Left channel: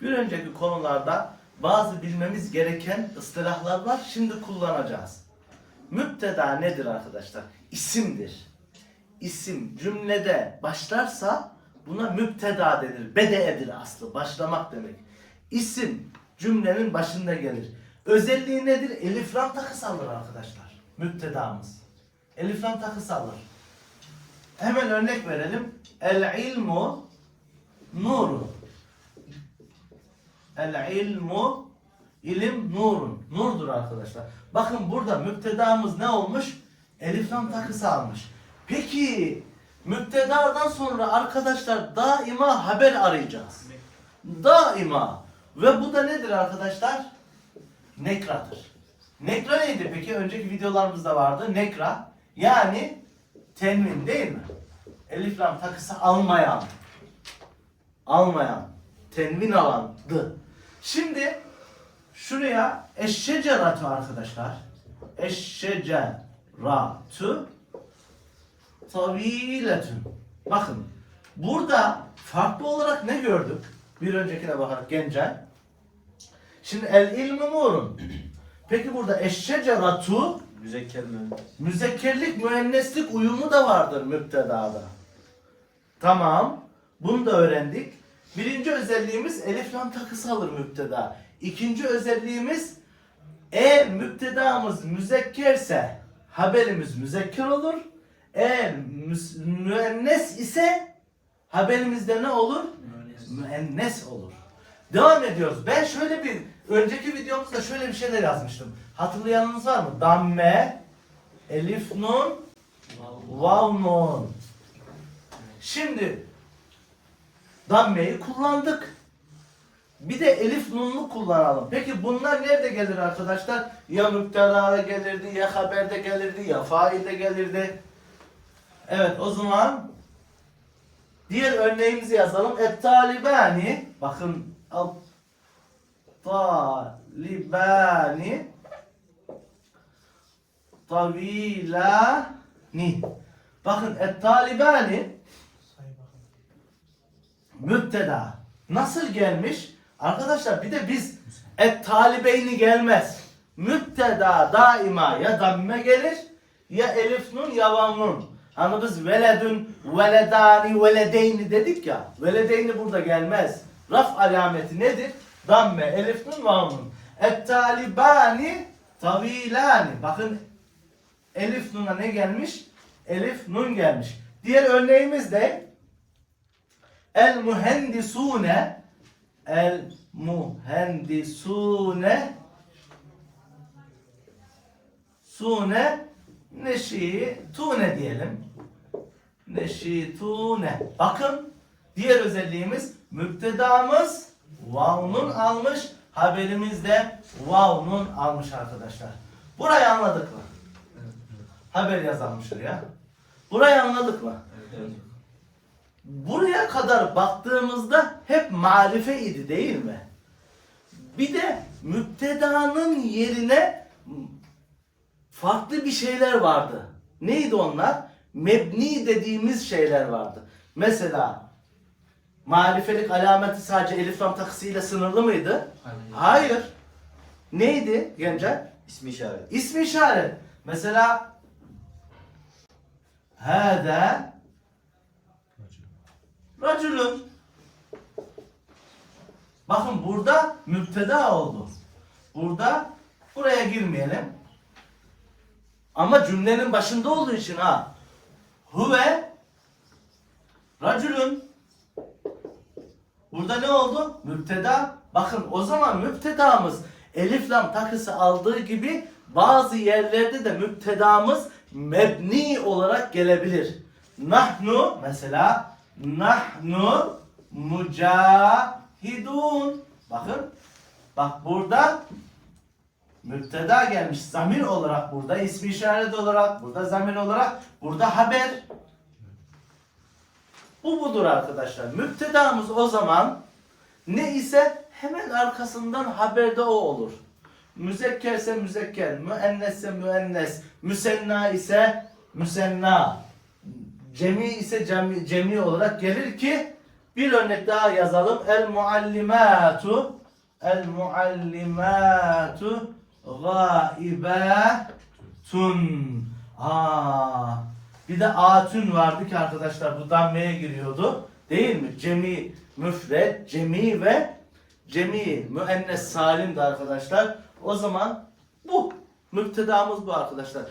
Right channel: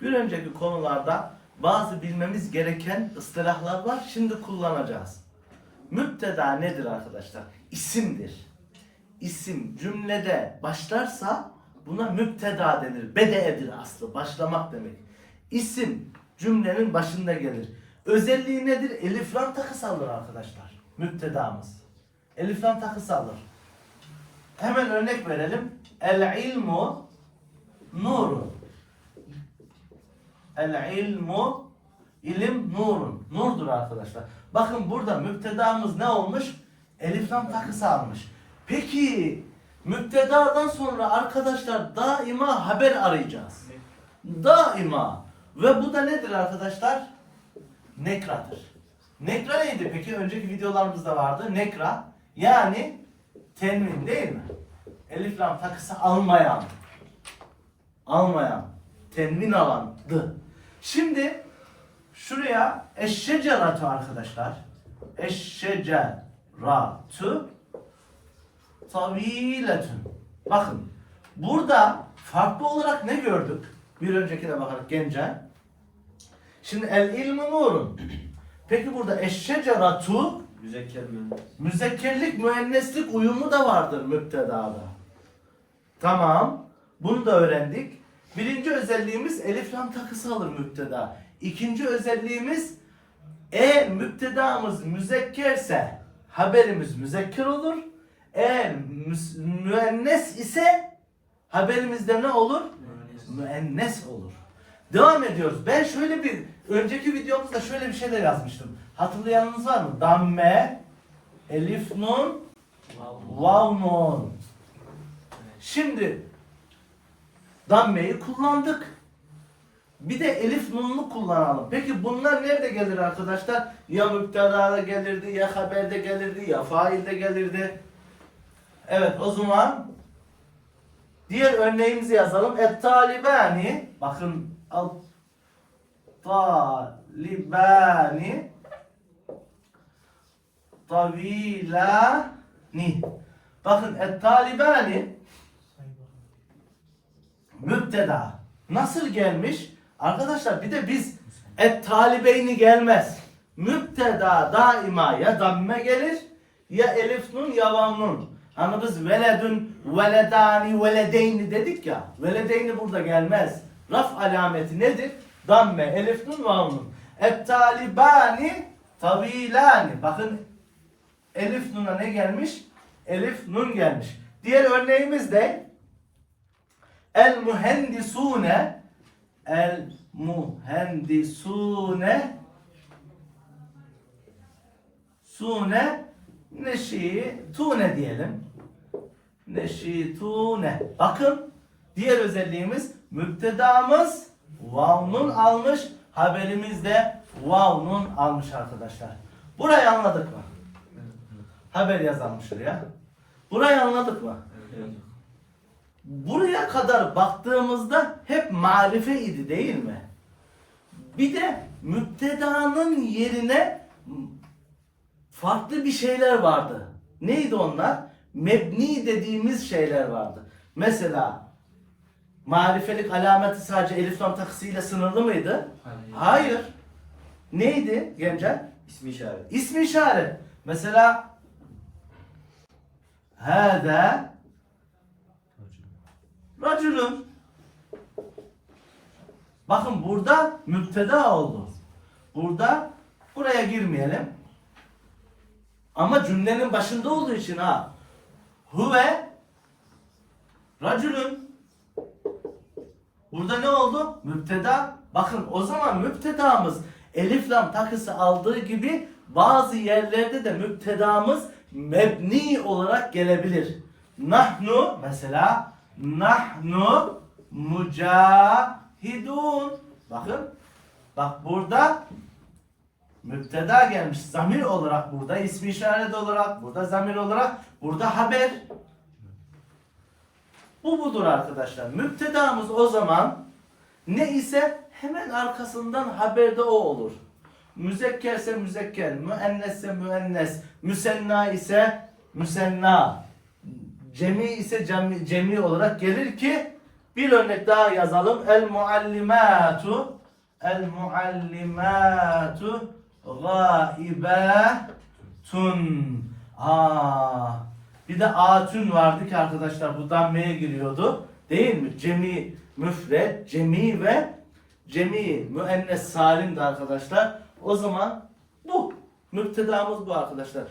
Bir önceki konularda bazı bilmemiz gereken ıstılahlar var. Şimdi kullanacağız. Müpteda nedir arkadaşlar? İsimdir. İsim cümlede başlarsa buna müpteda denir. Bede'edir aslı. Başlamak demek. İsim cümlenin başında gelir. Özelliği nedir? Elif lam takısı alır arkadaşlar. Müptedamız. Elif lam takısı alır. Hemen örnek verelim. El ilmu nurun. El ilmu ilim nurun. Nurdur arkadaşlar. Bakın burada müptedamız ne olmuş? Elif lam takısı almış. Peki müptedadan sonra arkadaşlar daima haber arayacağız. Daima. Ve bu da nedir arkadaşlar? Nekradır. Nekra neydi peki? Önceki videolarımızda vardı. Nekra yani tenvin değil mi? Elif lam takısı almayan. Almayan. Tenvin alandı. Şimdi şuraya eşşeceratu arkadaşlar. Eşşeceratu taviletun. Bakın burada farklı olarak ne gördük? Bir öncekine bakarak Gencen. Şimdi el ilmu nurun. Peki burada eşşeceratu Müzekker mühendis. müzekkerlik müenneslik uyumu da vardır müptedada. Tamam. Bunu da öğrendik. Birinci özelliğimiz elif lam takısı alır müpteda. İkinci özelliğimiz eğer müptedamız müzekkerse haberimiz müzekker olur. Müs- müennes ise haberimizde ne olur? Müennes olur. Devam ediyoruz. Ben şöyle bir önceki videomuzda şöyle bir şeyler yazmıştım. Hatırlayanınız var mı? Damme, elif nun, vav nun. Şimdi dammeyi kullandık. Bir de elif nunlu kullanalım. Peki bunlar nerede gelir arkadaşlar? Ya müptelada gelirdi, ya haberde gelirdi, ya failde gelirdi. Evet o zaman diğer örneğimizi yazalım. Et talibani bakın al talibani tavilani bakın et talibani müpteda. Nasıl gelmiş? Arkadaşlar bir de biz et talibeyni gelmez. Müpteda daima ya damme gelir ya elif nun ya vav nun. Hani biz veledün veledani veledeyni dedik ya veledeyni burada gelmez. Raf alameti nedir? Damme elif nun vav nun. Et talibani tavilani bakın elif nuna ne gelmiş? Elif nun gelmiş. Diğer örneğimiz de El mühendisune El mühendisune Sune Neşi Tune diyelim. Neşi Tune. Bakın diğer özelliğimiz müptedamız vavnun almış. Haberimiz de vavnun almış arkadaşlar. Burayı anladık mı? Haber yazalım şuraya. Burayı anladık mı? Evet. Buraya kadar baktığımızda hep marife idi değil mi? Bir de müptedanın yerine farklı bir şeyler vardı. Neydi onlar? Mebni dediğimiz şeyler vardı. Mesela marifelik alameti sadece elif lam takısıyla sınırlı mıydı? Hayır. Neydi Gencer? İsmi işaret. İsmi işaret. Mesela Hâdâ Racülün. Bakın burada müpteda oldu. Burada buraya girmeyelim. Ama cümlenin başında olduğu için ha. Huve racülün. Burada ne oldu? Müpteda. Bakın o zaman müptedamız elif lam takısı aldığı gibi bazı yerlerde de müptedamız mebni olarak gelebilir. Nahnu mesela nahnu mücahidun. Bakın. Bak burada müpteda gelmiş. Zamir olarak burada, ismi işaret olarak, burada zamir olarak, burada haber. Bu budur arkadaşlar. Müptedamız o zaman ne ise hemen arkasından haberde o olur. Müzekkerse müzekker, müennesse müennes, müsenna ise müsenna, cemi ise cemi, cemi olarak gelir ki Bir örnek daha yazalım. El muallimatu El muallimatu gaibetun. Aa. Bir de atün vardı ki arkadaşlar bu dammeye giriyordu. Değil mi? Cemi müfred, cemi ve cemi müennes salimdi arkadaşlar. O zaman bu. Müptedamız bu arkadaşlar.